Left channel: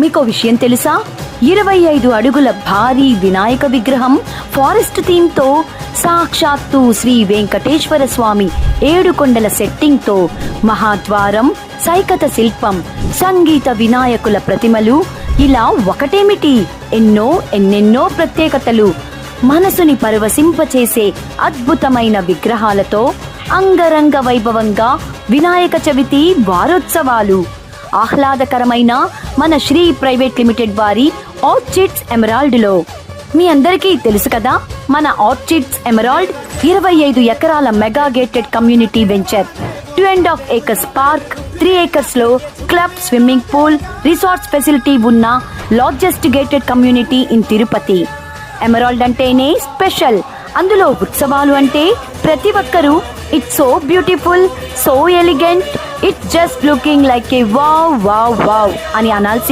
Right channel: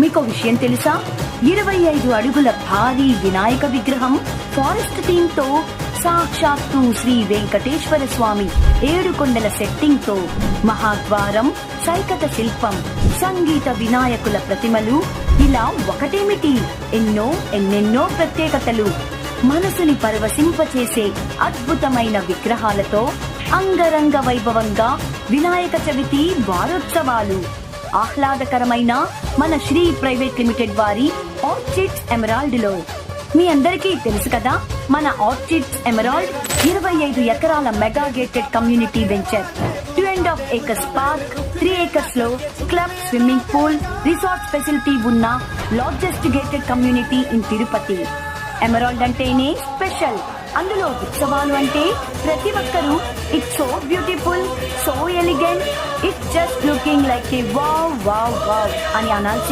మీకో విషయం తెలుసా? 25 అడుగుల భారీ వినాయక విగ్రహం ఫారెస్ట్ థీమ్ తో, సాక్షాత్తు శ్రీ వెంకటేశ్వర స్వామి 7 కొండల సెట్టింగ్ తో, మహాద్వారం, సైకత శిల్పం, సంగీత వినాయకుల ప్రతిమలు, ఇలా ఒకటేమిటి ఎన్నెన్నో ప్రత్యేకతలు. మనసుని పరవశింపచేసే అద్భుతమైన విగ్రహాలతో అంగరంగ వైభవంగా వినాయక చవితి వారోత్సవాలు. ఆహ్లాదకరమైన మన శ్రీ ప్రైవేట్ లిమిటెడ్ వారి ఆర్చిడ్స్ ఎమరాల్డ్ లో. మీ అందరికీ తెలుసు కదా, మన ఆర్చిడ్స్ ఎమరాల్డ్ 25 ఎకరాల mega gated community venture, 2.5 acres park, 3 acres లో club, swimming pool, resorts facility ఉన్న largest gated community in Tirupati. Emerald అంటేనే స్పెషల్, అందులో ఉత్సవాలు అంటే ప్రతి ఒక్కరూ it's so beautiful, so elegant, it's just looking like a wow wow wow అని అనాల్సి